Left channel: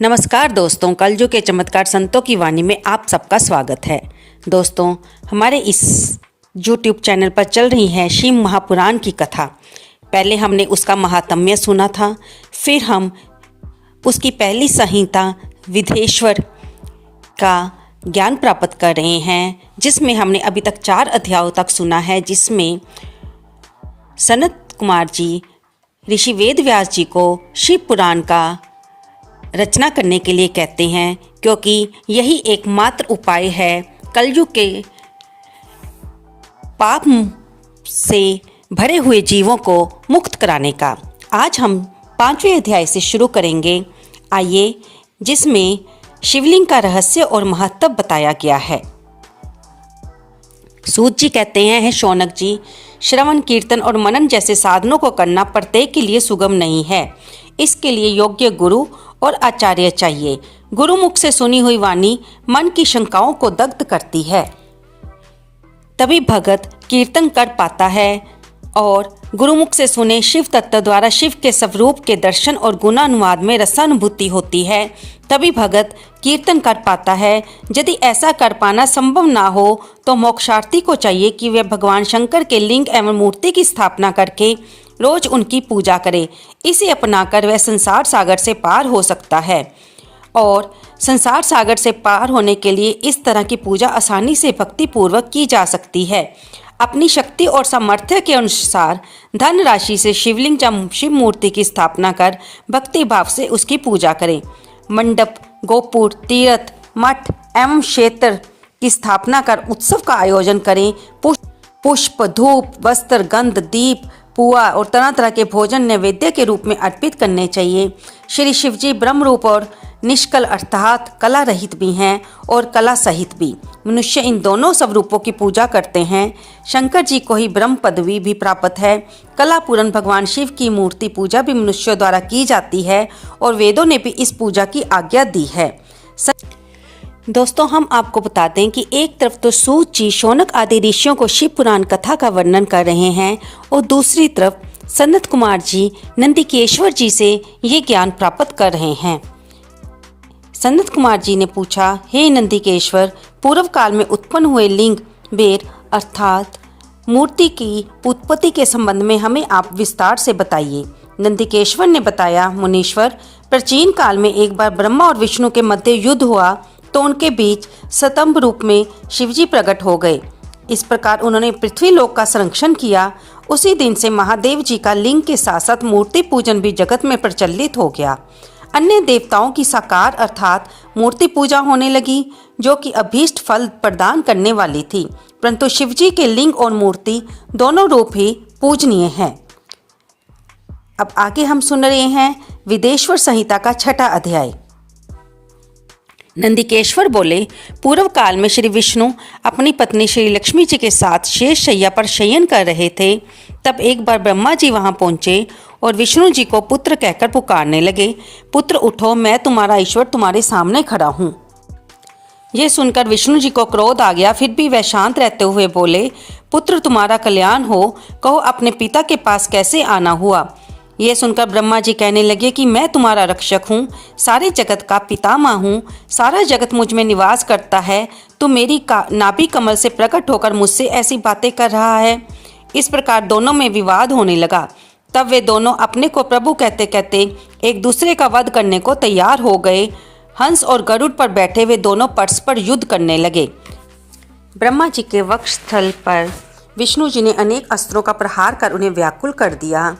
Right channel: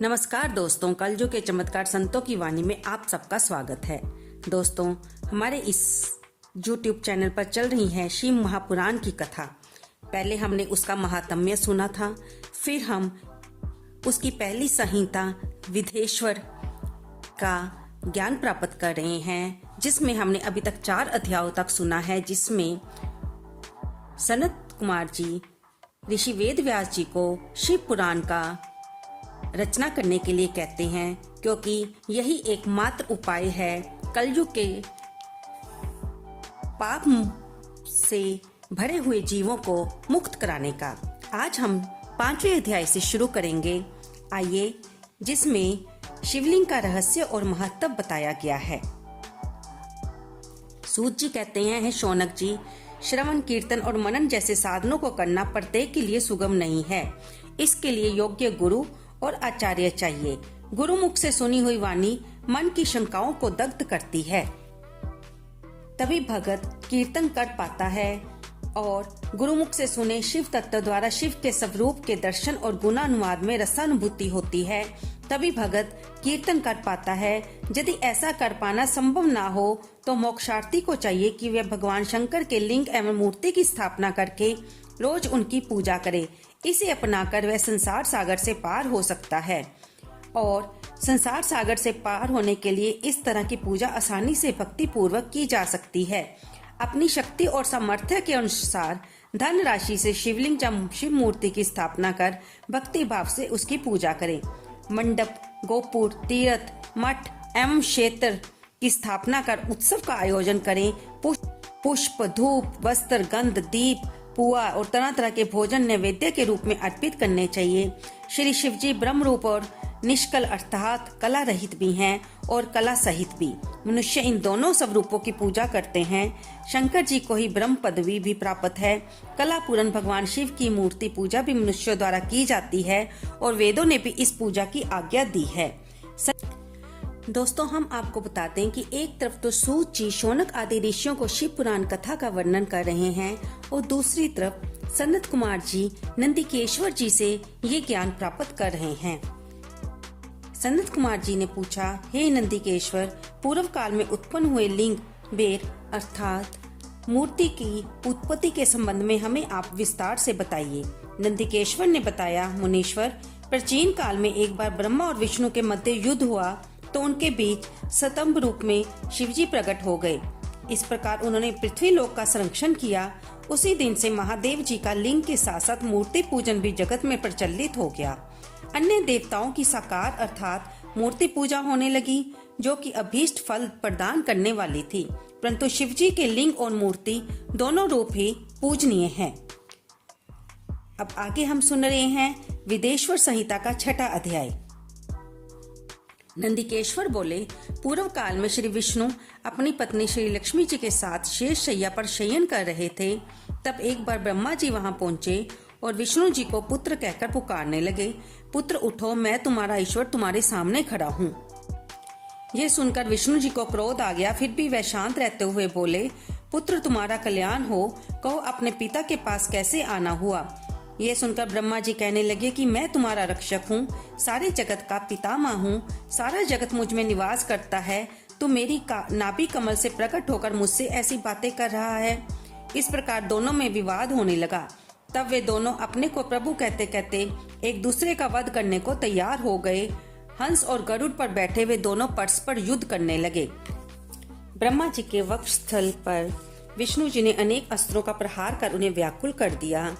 नमस्कार दोस्तों, कलयुग के चमत्कार संतों की वाणी में आप सबका स्वागत है। दोस्तों, हमारे इस YouTube चैनल पर चल रही है शिव महापुराण की कथा। पहले हमने उसका महात्म्य सुना था, फिर हम उसकी पहली संहिता विधेश्वर का ज्ञान प्राप्त कर रहे हैं, जिसमें हमने अभी तक 4 अध्यायों तक सुना है, जिसमें सनत कुमार जी ऋषि वेद व्यास जी को शिव पुराण का रचना करने के लिए कहते हैं, क्योंकि यही एकमात्र उपाय है कलयुग के पाप से भरे हुए जीवों को मुक्त कराने का। आज हम 5वें अध्याय से शुरू करेंगे। आइए, जिसमें शिवलिंग का रहस्य और महत्व बताया गया है। सूत जी कहते हैं, शौनक जी, श्रवण, कीर्तन और मनन जैसे साधनों को करना प्रत्येक के लिए सुगम नहीं है। इसके लिए योग्य गुरु और आचार्य चाहिए। गुरुमुख से सुनी हुई वाणी मन की शंकाओं को दग्ध करती है, तभी भगत कीर्तन कर पाता है, और गुरुमुख से सुने शिव तत्व द्वारा शिव के स्वरूप के दर्शन और गुणानुवाद में रसानुभूति होती है, तभी भगत कीर्तन कर पाता है। यदि ऐसा कर पाना संभव ना हो तो मोक्षार्थी को चाहिए कि वह भगवान शंकर के लिंग एवं मूर्ति की स्थापना करके रोज उनकी पूजा करे। इसे अपनाकर वह संसार सागर से पार हो सकता है, और संसार सागर से पार होने के लिए इस तरह की पूजा आसानी से भक्ति पूर्वक की जा सकती है। अपनी शक्ति और सामर्थ्य के अनुसार धन राशि से शिवलिंग या शिव मूर्ति की स्थापना कर भक्ति भाव से उसकी पूजा करें। मंडप, गोपुर, तीर्थ, मठ एवं क्षेत्र की स्थापना कर उत्सव का आयोजन करें। पुष्प, धूप, वस्त्र, गंध, दीप, पुआ और तरह तरह के भोजन नैवेद्य के रूप में अर्पित करने चाहिए। श्री शिवजी ब्रह्म रूप और निष्कल अर्थात कला रहित भी हैं और कला सहित भी। मनुष्य इन दोनों स्वरूपों की पूजा करते हैं। शंकर जी को ही ब्रह्म पदवी भी प्राप्त है। कला पूर्ण भगवान शिव की मूर्ति पूजा भी मनुष्यों द्वारा की जाती है, और वेदों ने भी इस पूजा की आज्ञा दी है। दोस्तों, हम आपको बता दें कि एक तरफ तो सूत जी शौनक आदि ऋषियों को शिव पुराण कथा का वर्णन कर रहे हैं, और दूसरी तरफ सनत कुमार जी नंदिकेश्वर जी से ये ज्ञान प्राप्त कर रहे हैं। सनत कुमार जी ने पूछा, हे नंदिकेश्वर, पूर्व काल में उत्पन्न हुए लिंग बेर अर्थात मूर्ति की उत्पत्ति के संबंध में हमें आप विस्तार से बताइए। नंदिकेश्वर ने बताया, मुनीश्वर, प्राचीन काल में एक बार ब्रह्मा और विष्णु के मध्य युद्ध हुआ, तो उनके बीच स्तंभ रूप में शिवजी प्रकट हो गए। इस प्रकार उन्होंने पृथ्वी लोक का संरक्षण किया। उसी दिन से महादेव जी का लिंग के साथ साथ मूर्ति पूजन भी जगत में प्रचलित हो गया। अन्य देवताओं की साकार अर्थात मूर्ति पूजा होने लगी, जो कि अभीष्ट फल प्रदान करने वाली थी, परंतु शिवजी के लिंग और मूर्ति दोनों रूप ही पूजनीय हैं। अब आगे हम सुन रहे हैं विदेश्वर संहिता का 6वां अध्याय। नंदिकेश्वर बोले, पूर्व काल में श्री विष्णु अपनी पत्नी श्री लक्ष्मी जी के साथ शेष शैया पर शयन कर रहे थे। तब एक बार ब्रह्मा जी वहां पहुंचे और विष्णु जी को पुत्र कहकर पुकारने लगे, पुत्र उठो, मैं तुम्हारा ईश्वर तुम्हारे सामने खड़ा हूँ। ये सुनकर विष्णु जी को क्रोध आ गया, फिर भी वह शांत रहते हुए बोले, पुत्र तुम्हारा कल्याण हो, कहो अपने पिता के पास कैसे आना हुआ। यह सुनकर ब्रह्मा जी कहने लगे कि मैं तुम्हारा रक्षक हूँ, सारे जगत का पितामह हूँ, सारा जगत मुझ में निवास करता है। तू मेरी नाभि कमल से प्रकट होकर मुझसे ऐसी बातें कर रहा है। इस प्रकार दोनों में विवाद होने लगा। तब वे दोनों अपने को प्रभु कहते कहते एक दूसरे का वध करने को तैयार हो गए। हंस और गरुड़ पर बैठे वे दोनों परस्पर युद्ध करने लगे। ब्रह्मा जी के वक्षस्थल पर विष्णु जी ने अनेक अस्त्रों का प्रहार कर उन्हें व्याकुल कर दिया।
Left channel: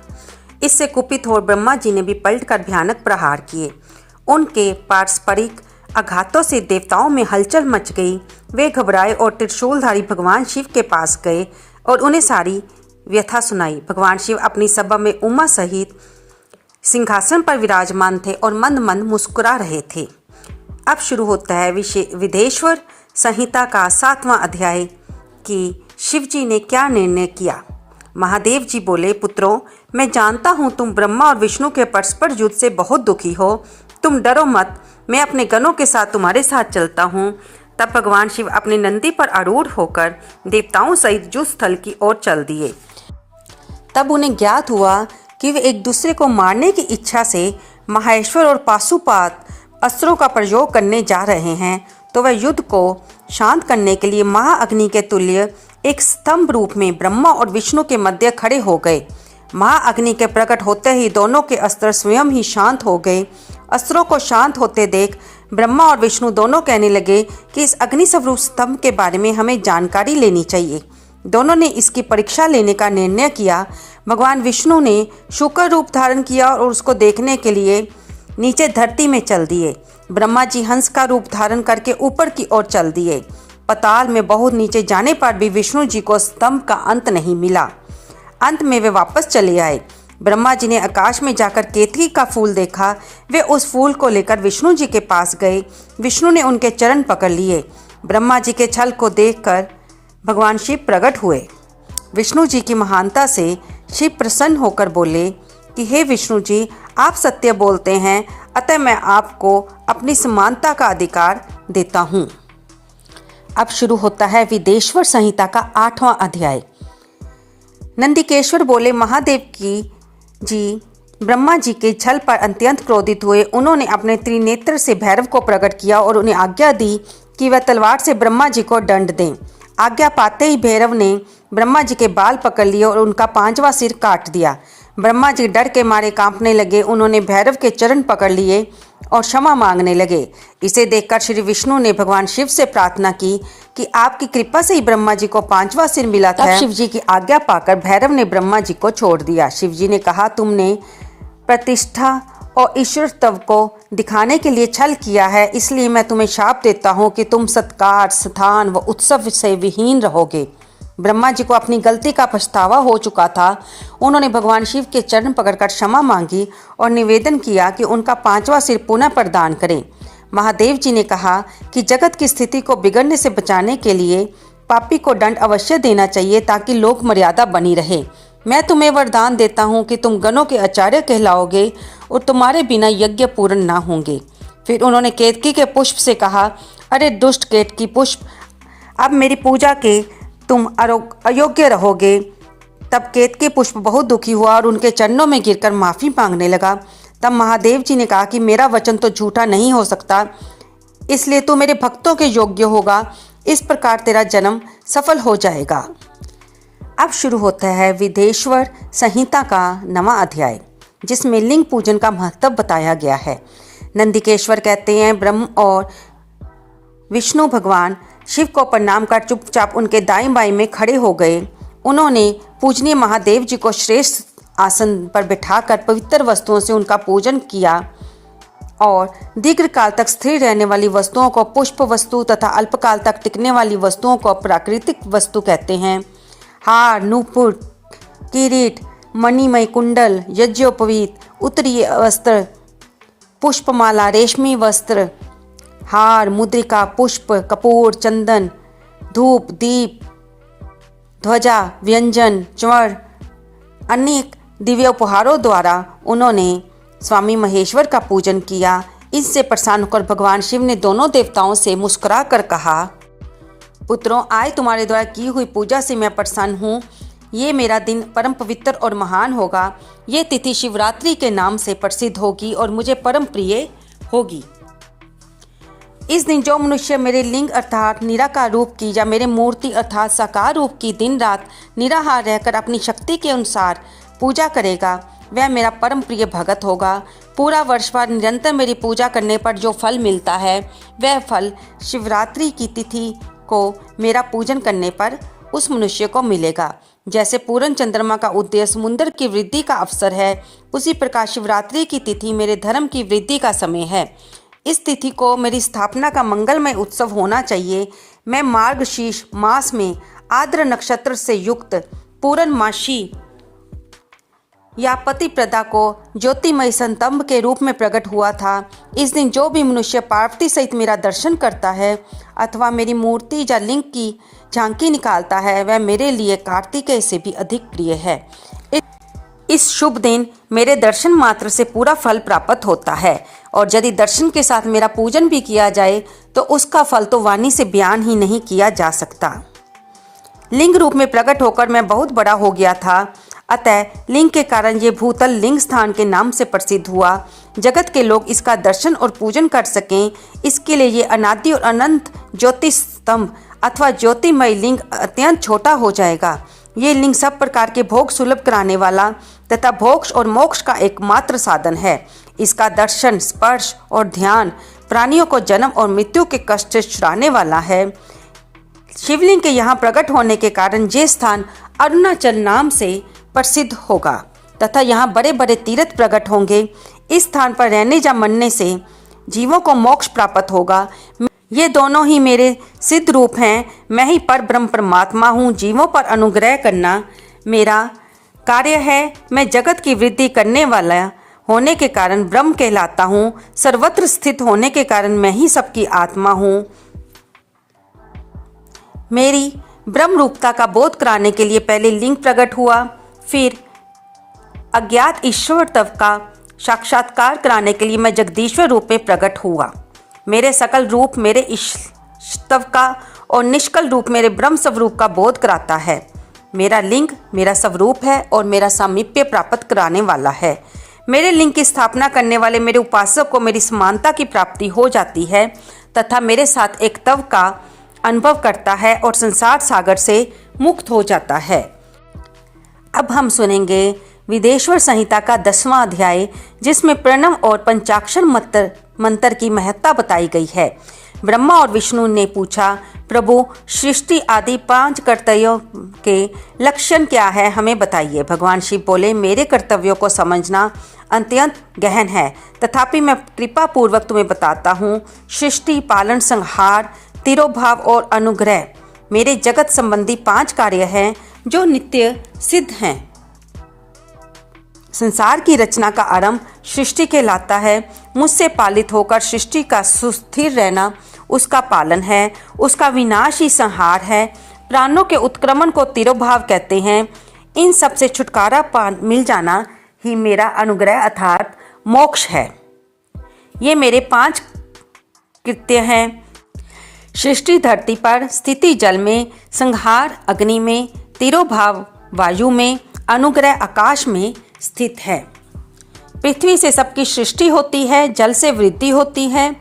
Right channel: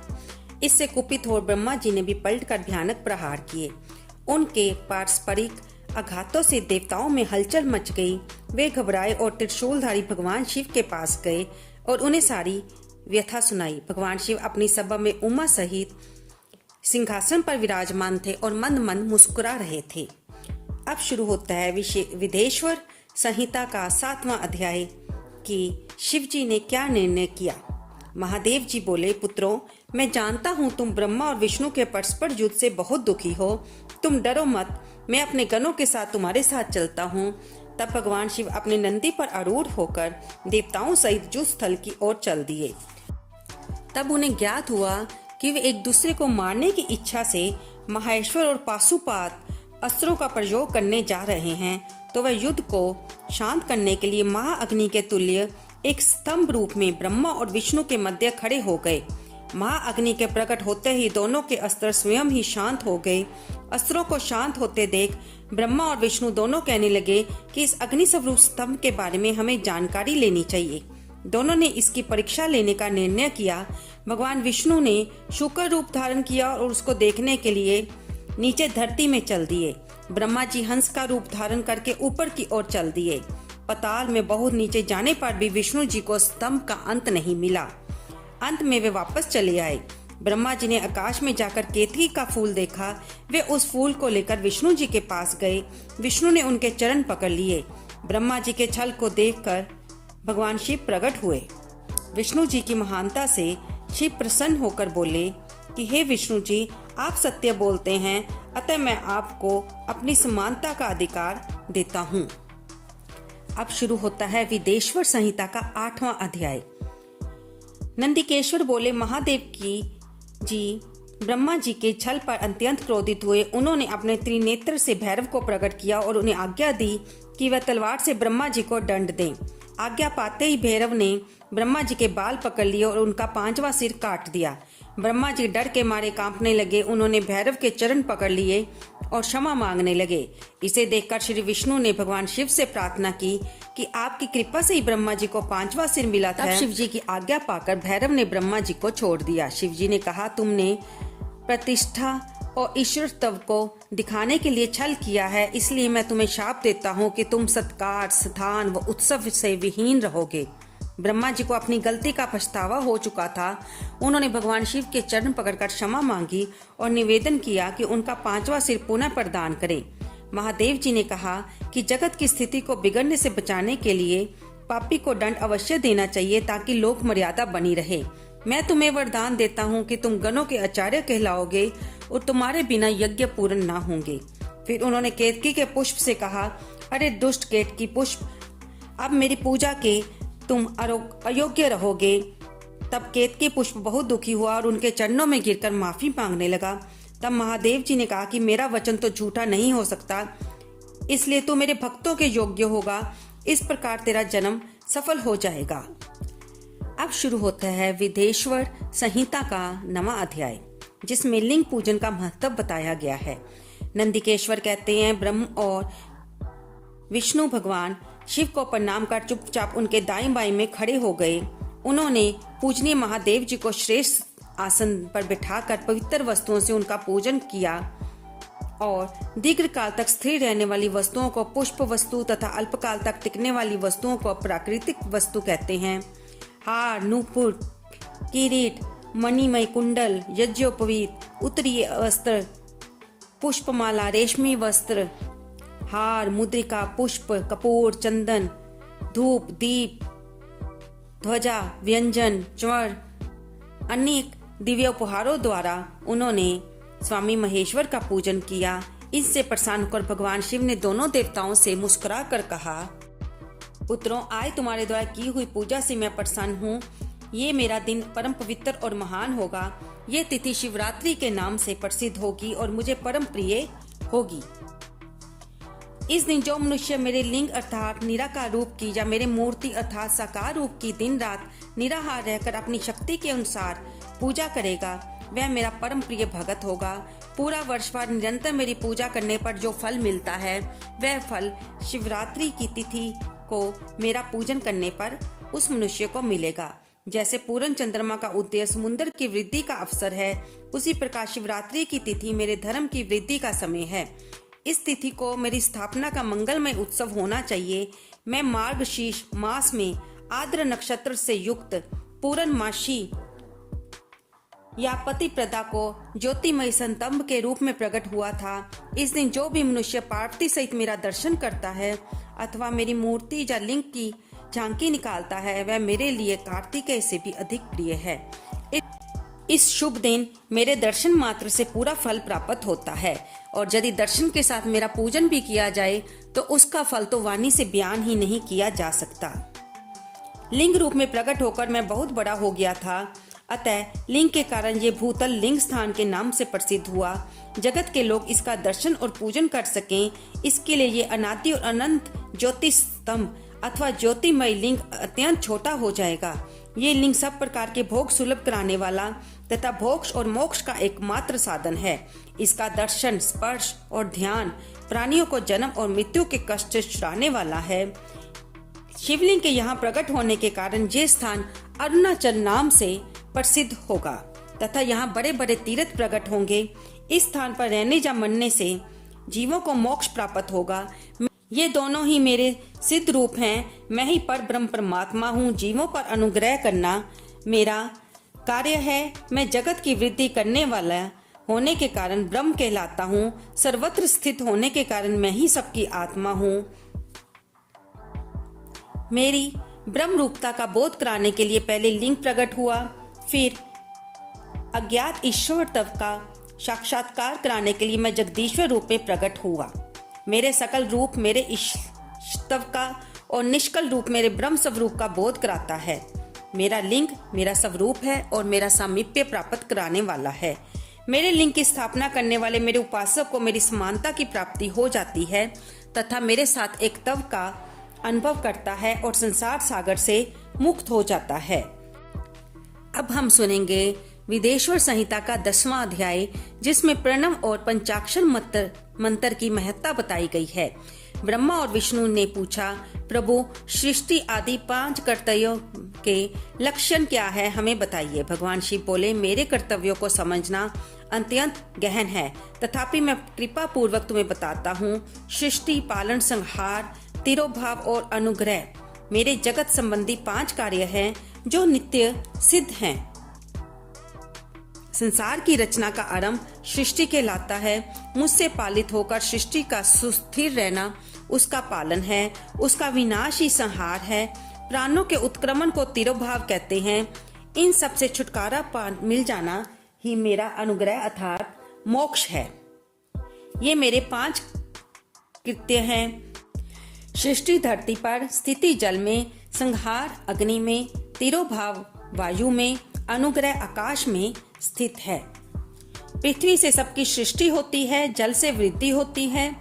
इससे कुपित हो ब्रह्मा जी ने भी पलटकर भयानक प्रहार किए। उनके पारस्परिक आघातों से देवताओं में हलचल मच गई। वे घबराए और त्रिशूलधारी भगवान शिव के पास गए और उन्हें सारी व्यथा सुनाई। भगवान शिव अपनी सभा में उमा सहित सिंहासन पर विराजमान थे और मंद मंद मुस्कुरा रहे थे। अब शुरू होता है विदेश्वर संहिता का 7वां अध्याय कि शिव जी ने क्या निर्णय किया। महादेव जी बोले, पुत्रों, मैं जानता हूँ तुम ब्रह्मा और विष्णु के परस्पर युद्ध से बहुत दुखी हो। तुम डरो मत, मैं अपने गणों के साथ तुम्हारे साथ चलता हूँ। तब भगवान शिव अपने नंदी पर आरूढ़ होकर देवताओं सहित युद्ध स्थल की ओर चल दिए। तब उन्हें ज्ञात हुआ कि वे एक दूसरे को मारने की इच्छा से महेश्वर और पाशुपात अस्त्रों का प्रयोग करने जा रहे हैं तो वह युद्ध को शांत करने के लिए महाअग्नि के तुल्य एक स्तंभ रूप में ब्रह्मा और विष्णु के मध्य खड़े हो गए। महाअग्नि के प्रकट होते ही दोनों के अस्त्र स्वयं ही शांत हो गए। अस्त्रों को शांत होते देख ब्रह्मा और विष्णु दोनों कहने लगे कि इस अग्नि स्वरूप स्तंभ के बारे में हमें जानकारी लेनी चाहिए। दोनों ने इसकी परीक्षा लेने का निर्णय किया। भगवान विष्णु ने शुक्र रूप धारण किया और उसको देखने के लिए नीचे धरती में चल दिए। ब्रह्मा जी हंस का रूप धारण करके ऊपर की ओर चल दिए। पाताल में बहुत नीचे जाने पर भी विष्णु जी को स्तंभ का अंत नहीं मिला। अंत में वे वापस चले आए। ब्रह्मा जी ने आकाश में जाकर केतकी का फूल देखा। वे उस फूल को लेकर विष्णु जी के पास गए। विष्णु ने उनके चरण पकड़ लिए। ब्रह्मा जी के छल को देखकर भगवान शिव प्रकट हुए। विष्णु जी की महानता से शिव प्रसन्न होकर बोले कि हे विष्णु जी, आप सत्य बोलते हैं, अतः मैं आपको अपनी समानता का अधिकार देता हूँ। अब शुरू होता है विदेश्वर संहिता का 8वां अध्याय। नंदिकेश्वर बोले, महादेव की जी ब्रह्मा जी के छल पर अत्यंत क्रोधित हुए। उन्होंने अपने त्रिनेत्र से भैरव को प्रकट किया और उन्हें आज्ञा दी कि वह तलवार से ब्रह्मा जी को दंड दें। आज्ञा पाते ही भैरव ने ब्रह्मा जी के बाल पकड़ लिए और उनका 5वां सिर काट दिया। ब्रह्मा जी डर के मारे कांपने लगे। उन्होंने भैरव के चरण पकड़ लिए और क्षमा मांगने लगे। इसे देखकर श्री विष्णु ने भगवान शिव से प्रार्थना की कि आपकी कृपा से ही ब्रह्मा जी को 5वां सिर मिला था। शिव जी की आज्ञा पाकर भैरव ने ब्रह्मा जी को छोड़ दिया। शिव जी ने कहा, तुमने प्रतिष्ठा और ईश्वरत्व को दिखाने के लिए छल किया है, इसलिए मैं तुम्हें शाप देता हूँ कि तुम सत्कार, स्थान व उत्सव से विहीन रहोगे। ब्रह्मा जी को अपनी गलती का पछतावा हो चुका था। उन्होंने भगवान शिव के चरण पकड़कर क्षमा मांगी और निवेदन किया कि उनका 5वां सिर पुनः प्रदान करें। महादेव जी ने कहा कि जगत की स्थिति को बिगड़ने से बचाने के लिए पापी को दंड अवश्य देना चाहिए ताकि लोक मर्यादा बनी रहे। मैं तुम्हें वरदान देता हूँ कि तुम गणों के आचार्य कहलाओगे और तुम्हारे बिना यज्ञ पूर्ण न होंगे। फिर उन्होंने केतकी के पुष्प से कहा, अरे दुष्ट केतकी पुष्प, अब मेरी पूजा के तुम अयोग्य रहोगे। तब केतकी पुष्प बहुत दुखी हुआ और उनके चरणों में गिरकर माफी मांगने लगा। तब महादेव जी ने कहा कि मेरा वचन तो झूठा नहीं हो सकता, इसलिए तू मेरे भक्तों के योग्य होगा। इस प्रकार तेरा जन्म सफल हो जाएगा। अब शुरू होता है विदेश्वर संहिता का 9वां अध्याय, जिसमें लिंग पूजन का महत्व बताया गया है। नंदिकेश्वर कहते हैं, ब्रह्म और विष्णु भगवान शिव को प्रणाम कर चुपचाप उनके दाएं बाएं में खड़े हो गए। उन्होंने पूजनीय महादेव जी को श्रेष्ठ आसन पर बिठाकर पवित्र वस्तुओं से उनका पूजन किया और दीर्घकाल तक स्थिर रहने वाली वस्तुओं को पुष्प वस्तु तथा अल्पकाल तक टिकने वाली वस्तुओं को प्राकृतिक वस्तु कहते हैं। हार, नूपुर, किरीट, मणिमय कुंडल, यज्ञोपवीत, उत्तरीय वस्त्र, पुष्पमाला, रेशमी वस्त्र, हार, मुद्रिका, पुष्प, कपूर, चंदन, धूप, दीप, ध्वजा, व्यंजन, च्वर, अनेक दिव्य उपहारों द्वारा उन्होंने स्वामी महेश्वर का पूजन किया। इससे प्रसन्न होकर भगवान शिव ने दोनों देवताओं से मुस्कुरा कर कहा, पुत्रों, आज तुम्हारे द्वारा की हुई पूजा से मैं प्रसन्न हूँ। ये मेरा दिन परम पवित्र और महान होगा। ये तिथि शिवरात्रि के नाम से प्रसिद्ध होगी और मुझे परम प्रिय होगी। इस दिन जो मनुष्य मेरे लिंग अर्थात निराकार रूप की या मेरे मूर्ति अर्थात साकार रूप की दिन रात निराहार रहकर अपनी शक्ति के अनुसार पूजा करेगा, वह मेरा परम प्रिय भगत होगा। पूरा वर्ष भर निरंतर मेरी पूजा करने पर जो फल मिलता है, वह फल शिवरात्रि की तिथि को मेरा पूजन करने पर उस मनुष्य को मिलेगा। जैसे पूर्ण चंद्रमा का उदय समुद्र की वृद्धि का अवसर है, उसी प्रकार शिवरात्रि की तिथि मेरे धर्म की वृद्धि का समय है। इस तिथि को मेरी स्थापना का मंगलमय उत्सव होना चाहिए। मैं मार्गशीर्ष मास में आर्द्र नक्षत्र से युक्त पूर्णमासी या पतिप्रदा को ज्योतिमय संतंब के रूप में प्रकट हुआ था। इस दिन जो भी मनुष्य पार्वती सहित मेरा दर्शन करता है अथवा मेरी मूर्ति या लिंग की झांकी निकालता है, वह मेरे लिए कार्तिकेय से भी अधिक प्रिय है। इस शुभ दिन मेरे दर्शन मात्र से पूरा फल प्राप्त होता है और यदि दर्शन के साथ मेरा पूजन भी किया जाए तो उसका फल तो वाणी से बयान ही नहीं किया जा सकता। लिंग रूप में प्रकट होकर मैं बहुत बड़ा हो गया था। अतः लिंग के कारण ये भूतल लिंग स्थान के नाम से प्रसिद्ध हुआ। जगत के लोग इसका दर्शन और पूजन कर सकें, इसके लिए ये अनादि और अनंत ज्योति स्तंभ अथवा ज्योतिमय लिंग अत्यंत छोटा हो जाएगा। ये लिंग सब प्रकार के भोग सुलभ कराने वाला तथा भोग और मोक्ष का एकमात्र साधन है। इसका दर्शन, स्पर्श और ध्यान प्राणियों को जन्म और मृत्यु के कष्ट से छुड़ाने वाला है। शिवलिंग के यहाँ प्रकट होने के कारण ये स्थान अरुणाचल नाम से प्रसिद्ध होगा तथा यहाँ बड़े बड़े तीर्थ प्रकट होंगे। इस स्थान पर रहने या मरने से जीवों को मोक्ष प्राप्त होगा। ये दोनों ही मेरे सिद्ध रूप हैं। मैं ही पर ब्रह्म परमात्मा हूँ। जीवों पर अनुग्रह करना मेरा कार्य है। मैं जगत की वृद्धि करने वाला होने के कारण ब्रह्म कहलाता हूँ। सर्वत्र स्थित होने के कारण मैं ही सबकी आत्मा हूँ। मेरी ब्रह्म रूपता का बोध कराने के लिए पहले लिंग प्रकट हुआ, फिर अज्ञात ईश्वर तत्व का साक्षात्कार कराने के लिए मैं जगदीश्वर रूप में प्रकट हुआ। मेरे सकल रूप मेरे ईश्वर का और निष्कल रूप मेरे ब्रह्म स्वरूप का बोध कराता है। मेरा लिंग मेरा स्वरूप है और मेरा सामीप्य प्राप्त कराने वाला है। मेरे लिंग की स्थापना करने वाले मेरे उपासक को मेरी समानता की प्राप्ति हो जाती है तथा मेरे साथ एक तत्व का अनुभव करता है और संसार सागर से मुक्त हो जाता है। अब हम सुनेंगे विदेश्वर संहिता का 10वां अध्याय, जिसमें प्रणव और पंचाक्षर मंत्र की महत्ता बताई गई है। ब्रह्मा और विष्णु ने पूछा, प्रभु सृष्टि आदि 5 कर्तव्यों के लक्षण क्या है, हमें बताइए। भगवान शिव बोले, मेरे कर्तव्यों को समझना अत्यंत गहन है, तथापि मैं कृपा पूर्वक तुम्हें बताता हूँ। सृष्टि, पालन, संहार, तिरोभाव और अनुग्रह मेरे जगत संबंधी 5 कार्य हैं जो नित्य सिद्ध हैं। संसार की रचना का आरंभ सृष्टि के लाता है। मुझसे पालित होकर सृष्टि का सुस्थिर रहना उसका पालन है। उसका विनाश ही संहार है। प्राणों के उत्क्रमण को तिरोभाव कहते हैं। इन सब से छुटकारा मिल जाना ही मेरा अनुग्रह अर्थात मोक्ष है। ये मेरे 5 कृत्य हैं। सृष्टि धरती पर, स्थिति जल में, संहार अग्नि में, तिरोभाव वायु में, अनुग्रह आकाश में स्थित है। पृथ्वी से सबकी सृष्टि होती है, जल से वृद्धि होती है,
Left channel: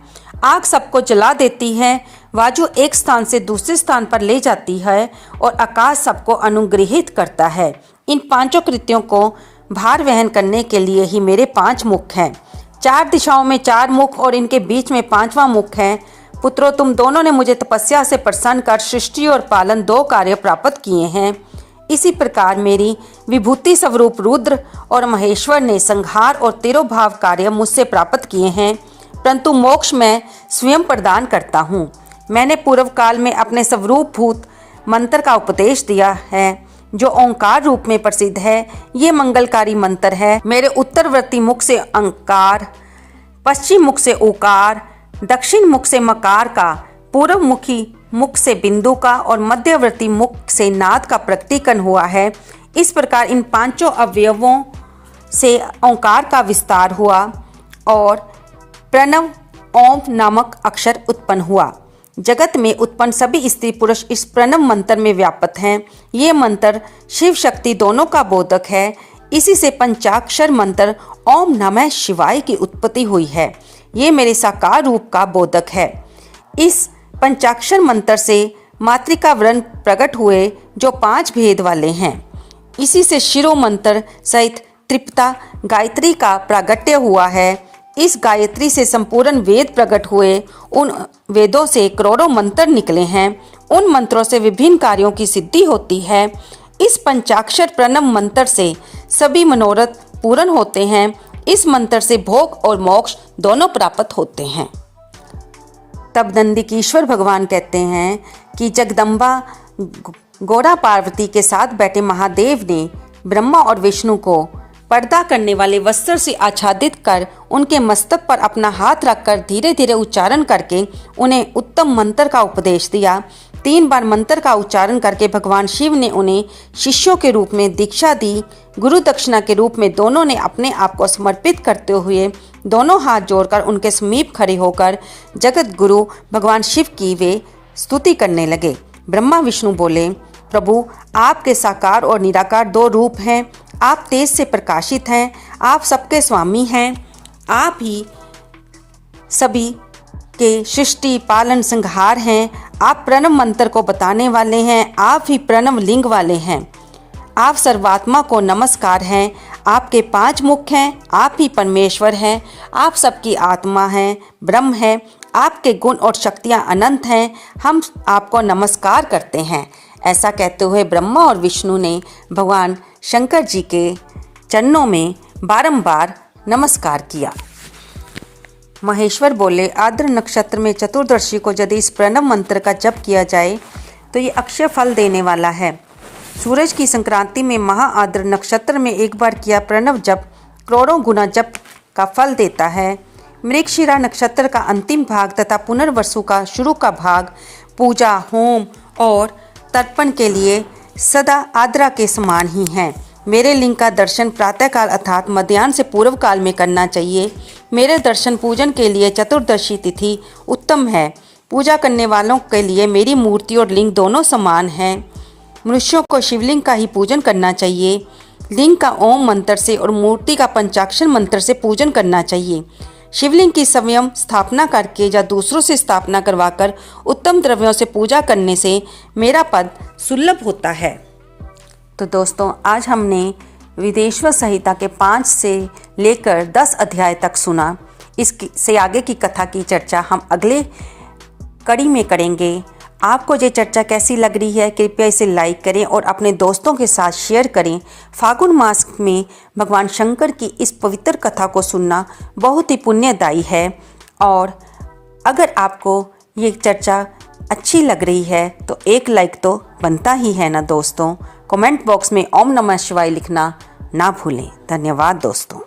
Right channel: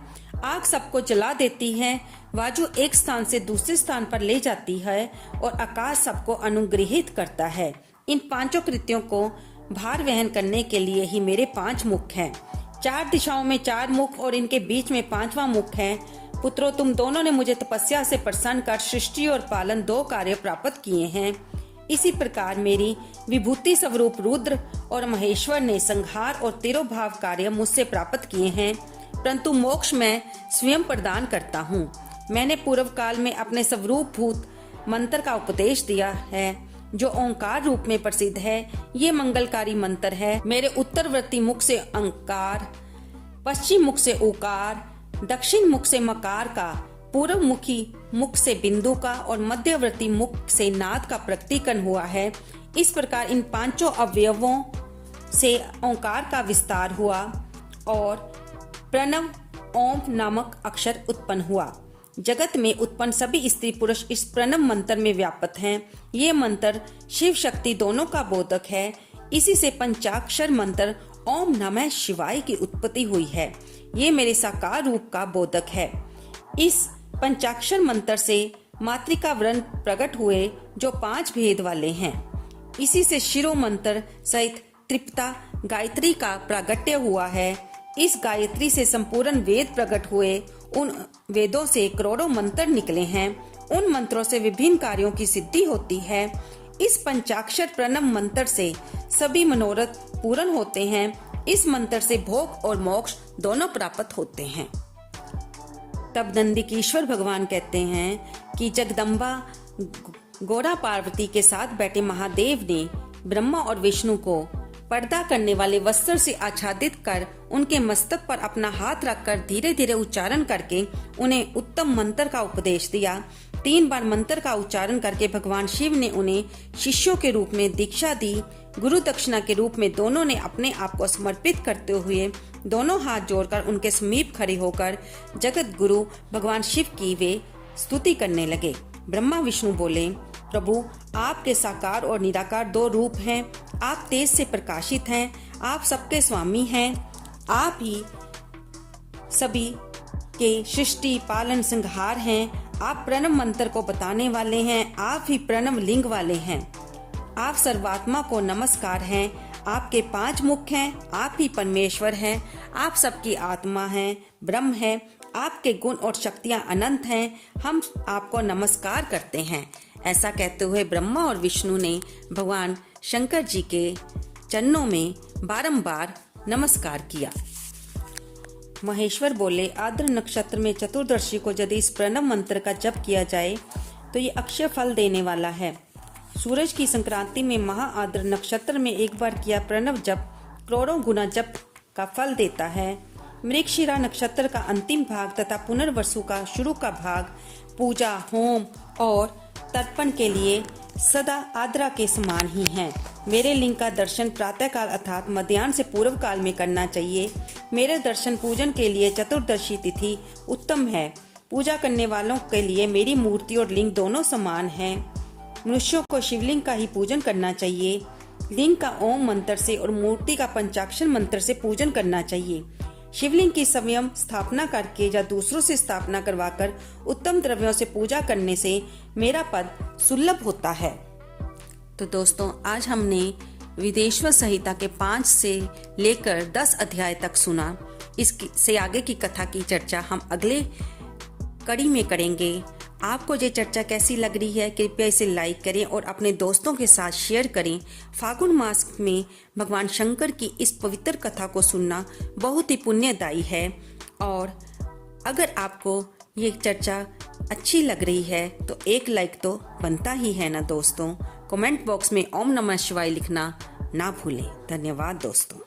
आग सबको जला देती है, वायु एक स्थान से दूसरे स्थान पर ले जाती है और आकाश सबको अनुग्रहित करता है। इन 5 कृत्यों को भार वहन करने के लिए ही मेरे 5 मुख हैं। 4 दिशाओं में 4 मुख और इनके बीच में 5वां मुख है। पुत्रों, तुम दोनों ने मुझे तपस्या से प्रसन्न कर सृष्टि और पालन 2 कार्य प्राप्त किए हैं। इसी प्रकार मेरी विभूति स्वरूप रुद्र और महेश्वर ने संहार और तिरोभाव कार्य मुझसे प्राप्त किए हैं, परंतु मोक्ष मैं स्वयं प्रदान करता हूँ। मैंने पूर्व काल में अपने स्वरूप भूत मंत्र का उपदेश दिया है जो ओंकार रूप में प्रसिद्ध है। ये मंगलकारी मंत्र है। मेरे उत्तरवर्ती मुख से अंकार, पश्चिम मुख से उकार, दक्षिण मुख से मकार का, पूर्व मुखी मुख से बिंदु का और मध्यवर्ती मुख से नाद का प्रकटीकरण हुआ है। इस प्रकार इन 5 अवयवों से ओंकार का विस्तार हुआ और प्रणव ओम नामक अक्षर उत्पन्न हुआ। जगत में उत्पन्न सभी स्त्री पुरुष इस प्रणव मंत्र में व्याप्त हैं। ये मंत्र शिव शक्ति दोनों का बोधक है। इसी से पंचाक्षर मंत्र ओम नमः शिवाय की उत्पत्ति हुई है। ये मेरे साकार रूप का बोधक है। इस पंचाक्षर मंत्र से मातृका वर्ण प्रकट हुए जो 5 भेद वाले हैं। इसी से शिरो मंत्र सहित त्रिपता गायत्री का प्रागट्य हुआ है। इस गायत्री से संपूर्ण वेद प्रकट हुए। उन वेदों से करोड़ों मंत्र निकले हैं। उन मंत्रों से विभिन्न कार्यों की सिद्धि होती है। इस पंचाक्षर प्रणव मंत्र से सभी मनोरथ पूर्ण होते हैं। इस मंत्र से भोग और मोक्ष दोनों प्राप्त होते हैं। तब नंदिकेश्वर भगवान कहते हैं कि जगदम्बा गौरा पार्वती के साथ बैठे महादेव ने ब्रह्मा और विष्णु को पर्दा करने वाले वस्त्र से आच्छादित कर उनके मस्तक पर अपना हाथ रखकर धीरे धीरे उच्चारण करके उन्हें उत्तम मंत्र का उपदेश दिया। 3 बार मंत्र का उच्चारण करके भगवान शिव ने उन्हें शिष्यों के रूप में दीक्षा दी। गुरु दक्षिणा के रूप में दोनों ने अपने आप को समर्पित करते हुए दोनों हाथ जोड़कर उनके समीप खड़े होकर जगत गुरु भगवान शिव की वे स्तुति करने लगे। ब्रह्मा विष्णु बोले, प्रभु आपके साकार और निराकार 2 रूप हैं। आप तेज से प्रकाशित हैं, आप सबके स्वामी हैं, आप ही सभी के सृष्टि पालन संहार हैं, आप प्रणव मंत्र को बताने वाले हैं, आप ही प्रणव लिंग वाले हैं, आप सर्वात्मा को नमस्कार हैं, आपके 5 मुख हैं, आप ही परमेश्वर हैं, आप सबकी आत्मा हैं, ब्रह्म है, आपके गुण और शक्तियाँ अनंत हैं, हम आपको नमस्कार करते हैं। ऐसा कहते हुए ब्रह्मा और विष्णु ने भगवान शंकर जी के चरणों में बारंबार नमस्कार किया। महेश्वर बोले, आर्द्र नक्षत्र में चतुर्दशी को यदि इस प्रणव मंत्र का जप किया जाए तो ये अक्षय फल देने वाला है। सूरज की संक्रांति में महा आर्द्र नक्षत्र में एक बार किया प्रणव जप करोड़ों गुना जप का फल देता है। मृगशिरा नक्षत्र का अंतिम भाग तथा पुनर्वसु का शुरू का भाग पूजा, होम और तर्पण के लिए सदा आद्रा के समान ही हैं। मेरे लिंग का दर्शन प्रातःकाल अर्थात मध्याह्न से पूर्व काल में करना चाहिए। मेरे दर्शन पूजन के लिए चतुर्दशी तिथि उत्तम है। पूजा करने वालों के लिए मेरी मूर्ति और लिंग दोनों समान हैं। मनुष्यों को शिवलिंग का ही पूजन करना चाहिए। लिंग का ओम मंत्र से और मूर्ति का पंचाक्षर मंत्र से पूजन करना चाहिए। शिवलिंग की स्वयं स्थापना करके या दूसरों से स्थापना करवाकर उत्तम द्रव्यों से पूजा करने से मेरा पद सुलभ होता है। तो दोस्तों, आज हमने विदेश्वर संहिता के 5 से लेकर 10 अध्याय तक सुना। इससे आगे की कथा की चर्चा हम अगले कड़ी में करेंगे। आपको ये चर्चा कैसी लग रही है, कृपया इसे लाइक करें और अपने दोस्तों के साथ शेयर करें। फागुन मास में भगवान शंकर की इस पवित्र कथा को सुनना बहुत ही पुण्यदायी है। और अगर आपको ये चर्चा अच्छी लग रही है तो एक लाइक तो बनता ही है ना दोस्तों। कमेंट बॉक्स में ओम नमः शिवाय लिखना ना भूलें। धन्यवाद दोस्तों।